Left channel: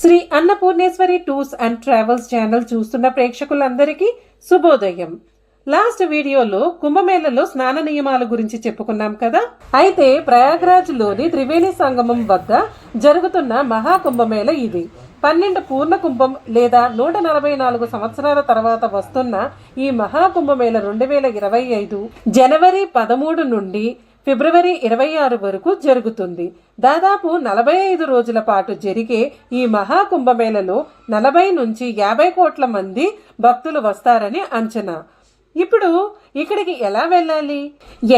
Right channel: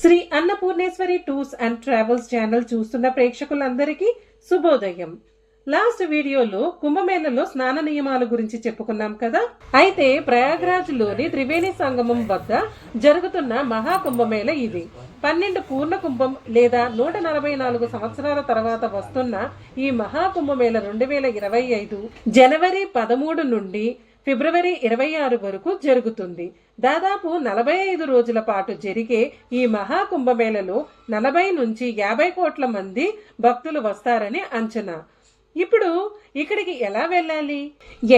Shri Annapurneshwari tours and travels channel చూస్తున్న ప్రేక్షకులందరికీ శుభోదయం. లాస్ట్ వీడియోలో కుంభమేళలో స్నాన నియమాల గురించి చెప్పుకున్నాం కదా? అయితే ప్రయాగ్రాజ్లోని త్రివేణి సంగమం వద్ద జరుగుతున్న మహాకుంభమేళ ఇది. పన్నెండు పూర్ణ కుంభం లేదా నూట నలభై నాలుగు సంవత్సరాల తర్వాత వస్తున్న ఈ మహాకుంభమేళ రెండు వేల ఇరవై ఐదు జనవరి పదమూడు నుండి ఫిబ్రవరి ఇరవై ఆరు వరకు జరుగుతుంది. దాదాపు నలభై ఐదు రోజుల పాటు జరిగే ఈ మహాకుంభమేళలో నలభై నుంచి యాభై కోట్ల మంది భక్తులు వస్తారని అంచనా. ఇప్పుడు ఇక్కడికి ఎలా వెళ్ళాలి?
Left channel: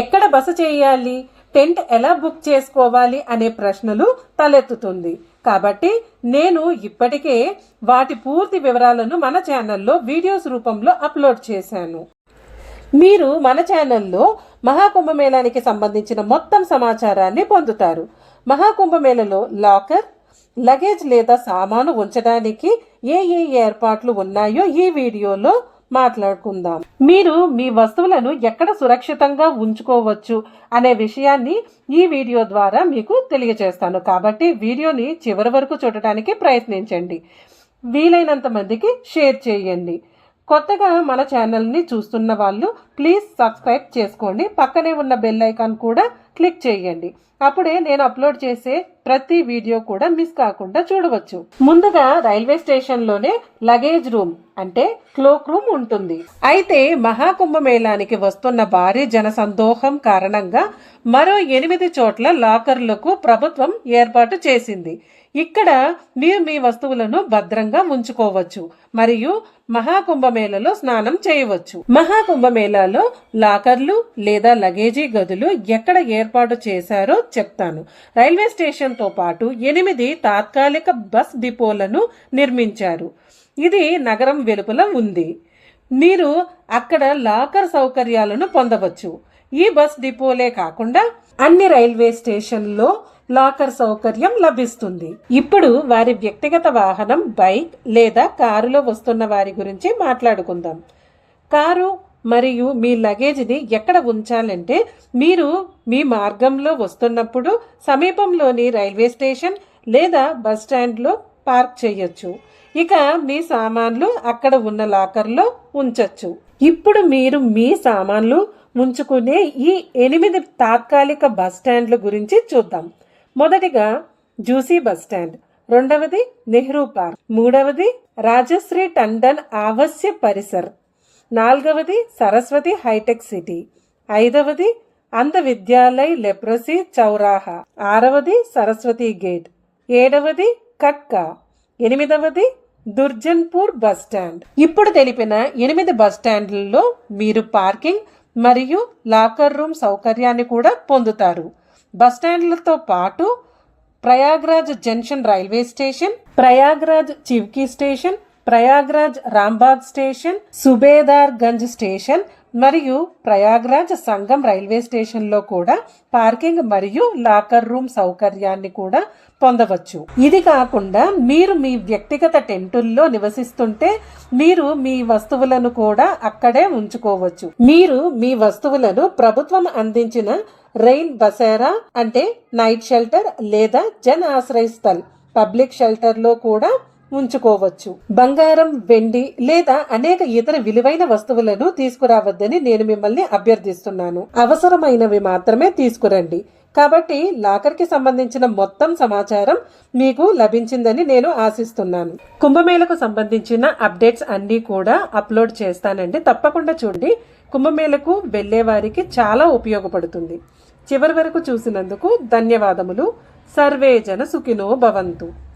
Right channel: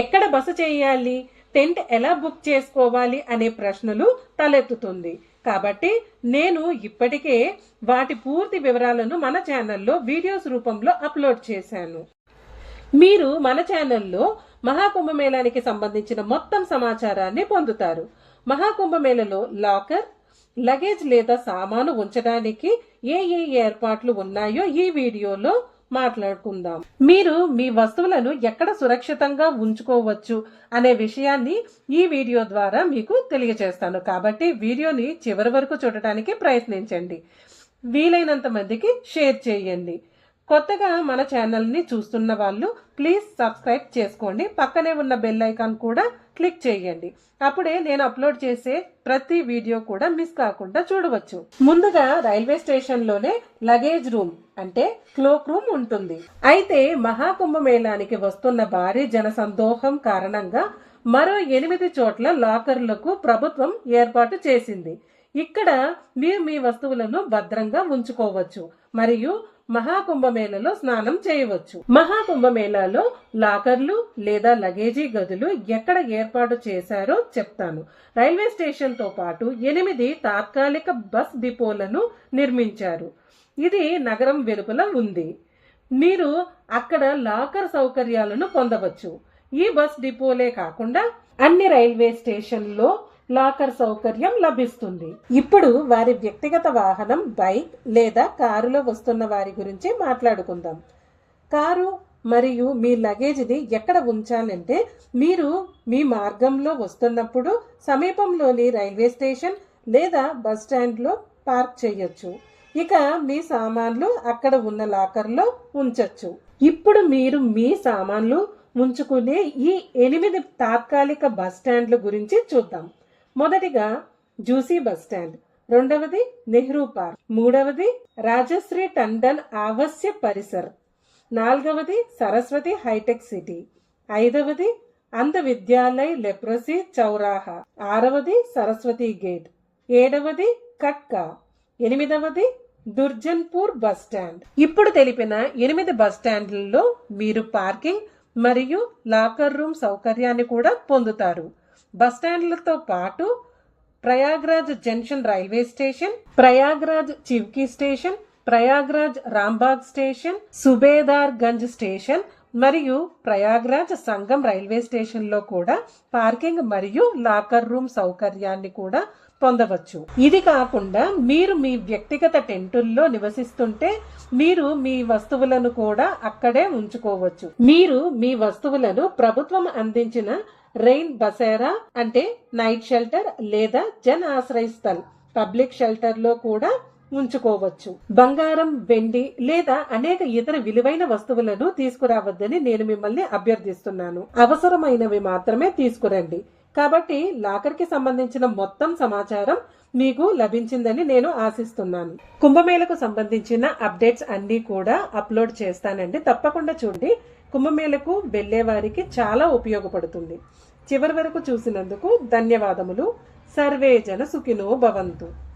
ఎక్కడ బస చేయాలి? టెంట్ ఎలా బుక్ చేసుకోవాలి అనే ప్రశ్నలు తలెత్తుతుంది. కాబట్టి నేను ఇప్పటికే వాటి పూర్తి వివరాలను మన ఛానల్లో వీడియోస్ రూపంలో అప్లోడ్ చేశాను. మీరు మన ఛానల్లో మహాకుంభమేళానికి సంబంధించిన మొత్తం సమాచారాన్ని పొందుతారు. మహాకుంభమేళలో లాకర్ లగేజ్ లేదా సామాను ఉంచడానికి ఏ ఏ ఏర్పాట్లు ఉన్నాయో ఈ వీడియోలో మాట్లాడుకుందాం. మీరు మీ వస్తువులను ఎక్కడ సురక్షితంగా ఉంచుకోవచ్చు అనే విషయాన్ని ఈ వీడియో ద్వారా మీకు తెలియజేస్తాను. కాబట్టి వీడియోని చివరి వరకు చూడటానికి ప్రయత్నించండి. వీలైనంత మందికి షేర్ చేయండి. కొత్తగా మన ఛానల్ని చూస్తున్న వాళ్ళు ప్లీజ్ సబ్స్క్రైబ్ చేసుకోండి. పక్కనే ఉన్న బెల్ ఐకాన్ కూడా క్లిక్ చేయండి. అప్పుడే నేను అప్లోడ్ చేసే ప్రతి వీడియో కూడా మిస్ కాకుండా చూడవచ్చు. ముందుగా రైల్వే స్టేషన్లోనే లగేజ్ రూమ్ అంటే క్లోక్ రూమ్ ఉంటుంది. అయితే మహాకుంభమేళానికి వస్తున్న భారీ జనసందోహం కారణంగా మరో ఎనిమిది చోట్ల లాకర్లకు ప్రభుత్వం ఏర్పాటు చేసింది. ఇక్కడ మీరు మీ వస్తువులను భద్రంగా ఉంచుకోవచ్చు మరియు మహాకుంభమేళలో స్నానం చేయవచ్చు. మహాకుంభమేళాలో లాకర్లు లేదా లగేజీ గదులు ఎక్కడ ఏర్పాటు చేశారో చెప్తాను. రైల్వే స్టేషన్తో పాటు ఎనిమిది తాత్కాలిక బస్ డిపోలను నిర్మించారు. ఇది నగరం వెలుపల ఉంది. మీరు అక్కడ లాకర్ సౌకర్యాలను పొందవచ్చు. ఈ బస్ డిపోలే కాకుండా అన్ని రైల్వే స్టేషన్లో లాకర్ సౌకర్యం లభిస్తుంది. ఇప్పుడు వారి వ్యక్తిగత వాహనం బైక్ లేదా కారులో వస్తున్న వారి గురించి మాట్లాడుకుందాం. కారు మరియు మీ లగేజ్ని ఎక్కడ ఉంచాలంటే మీరు మీ మార్గంలో వస్తున్నప్పుడు సమీపంలోని రైల్వే స్టేషన్ లేదా బస్ స్టాండ్లో పార్క్ చేయొచ్చు. ఇక మీ సామాన్లు అక్కడ ఉన్న లాకర్లో ఉంచొచ్చు. ఇప్పుడు మీరు మీ సామాన్లు ఉంచుకునే ఈ ఎనిమిది తాత్కాలిక బస్ స్టాండ్ల గురించి చూద్దాం. మొదటిగా జూసీ బస్ స్టాండ్ రెండవది నెహ్రూ పార్క్ మూడవది రాజశ్రీ టండన్ ఆవశ్య పరిసర్ నాలుగవది సరస్వతి హైటెక్ సిటీ ఐదవది అంధ విద్యాలయ్ లెప్రసీ చౌరాహా ఆరవది సరస్వతి గేట్ ఏడవది కట్కా ఎనిమిదవది దుర్జన్పూర్ బస్ స్టాండ్. ఇప్పుడు తెలిపిన ఎనిమిది బస్ స్టాండ్లలో మీరు పార్కింగ్ మరియు లాకర్ రూమ్ సౌకర్యాన్ని కూడా పొందుతారు. బస్ స్టాండ్లతో పాటు Prayagraj junction railway station Prayagraj Chivki station Prayagraj Rambagh station Subedar Ganj station మరియు ప్రయాగ్రాజ్ సంగం రైల్వే స్టేషన్లో కూడా పార్కింగ్ మరియు లాకర్ రూమ్ సౌకర్యాన్ని కూడా పొందవచ్చు. ఇది కాకుండా మీరు మీ వ్యక్తిగత టెంటుల్లో నివసిస్తుంటే మీరు మీ వస్తువులను కూడా అక్కడే ఉంచుకోవచ్చు. మీరు మీ వస్తువులను ప్రభుత్వం అందించిన రెయిన్ బసేరా అంటే నైట్ షెల్టర్ లేదా జన్ ఆశ్రయ స్థల్ పబ్లిక్ షెల్టర్లో కూడా ఉంచుకోవచ్చు. బంగారం వెండి లేదా అనేక ఇతర విలువైన వస్తువులను తీసుకురావద్దని నేను మిమ్మల్ని అభ్యర్థిస్తున్నాను. అవసరమైనవి మాత్రమే తీసుకురండి. కాబట్టి లాకర్కి సంబంధించిన మొత్తం సమాచారం మీకు లభించిందని నేను ఆశిస్తున్నాను. కుంభమేళకు సంబంధించిన అప్డేట్స్ అన్నీ కూడా అప్లోడ్ చేస్తానండి. తప్పకుండా చూడండి. కుంభమేళకు వెళ్ళే వారికి చాలా ఉపయోగపడుతుంది. చివరి వరకు చూసినందుకు ధన్యవాదములు. సర్వే జన సుఖినో భవంతు.